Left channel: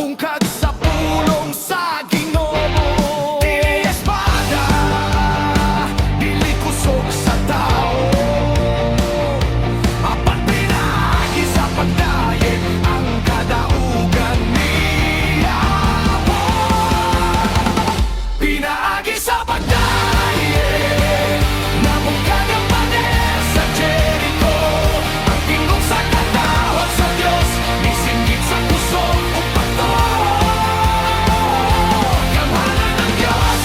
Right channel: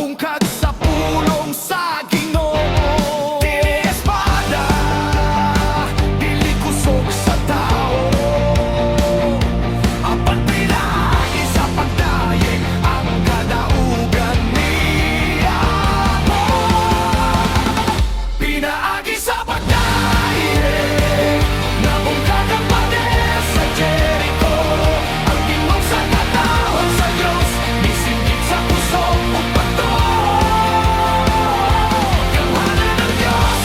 Nabungkag sa pulong sa Ginoo. Dili espada, dili kusog sa tao. Apan pinagi sa pagdayeg ang kadaugan niya po. Pinaagi sa pagdayeg, nabungkag ang pader sa Jericho. Ang tingog sa katawhan sa Dios, misinggit sa kusog ug pato. Gamhanan ng Dios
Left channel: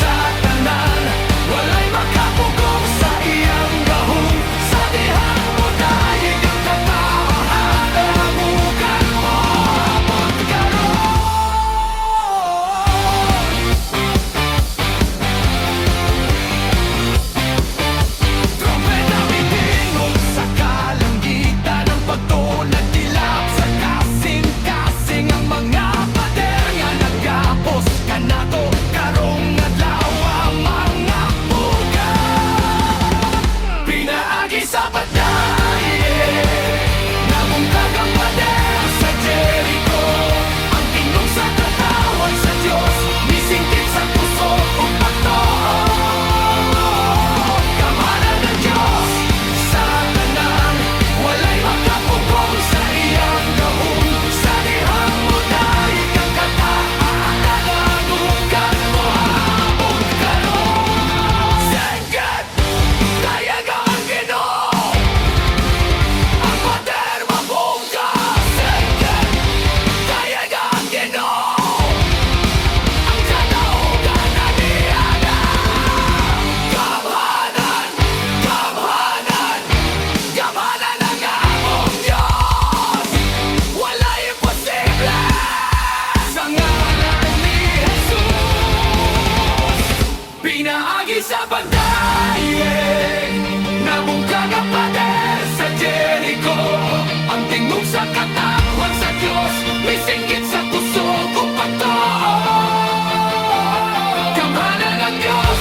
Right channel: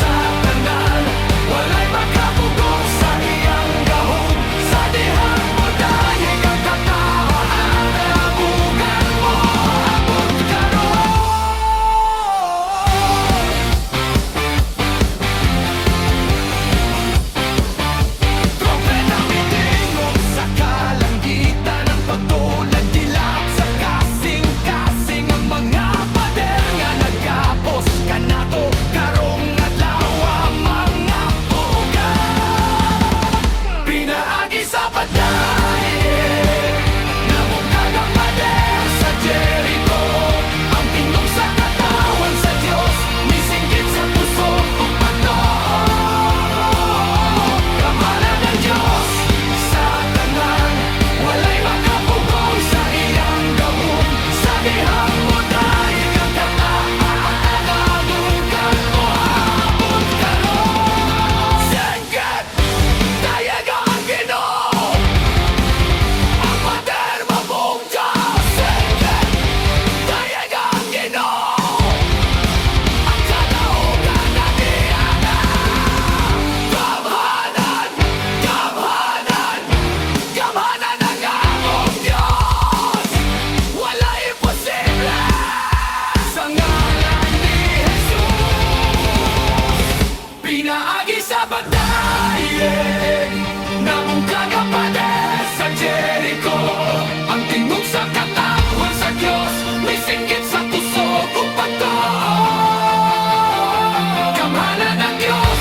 sa tanan, walay makapugong sa iyang gahom. Sa dihang mo dayeg ang katawhan, abugan mo abot karon. Trompeta mitingog sa kalangitan, ang pagtulad dilap sa kasing-kasing. Ang mga pader nga nagapos kanato karong adlaw, mga puga. Pinaagi sa pagdayeg, nabungkag ang pader sa Jericho. Ang tingog sa katawan sa Dios, misinggit sa kusog ug pato. Gamhanan ng Dios sa tanan, walay makapugong sa iyang gahom. Sa dihang mo dayeg ang kataagan, abugan mo abot karon. Singit dayeg ang Ginoo, ang pader mabungkag. Singit dayeg ang Ginoo, ang kadaugan na niyaga. Gamhanan, gamhanan, gamhanan ang among Diyos. Wala imposible sa ngalan ni Jesus. Pinaagi sa pagdayeg, nabungkag ang pader sa Jericho. Ang tingog sa katawan sa Dios, misinggit sa kusog ug pagtuo. Gamhanan ng Dios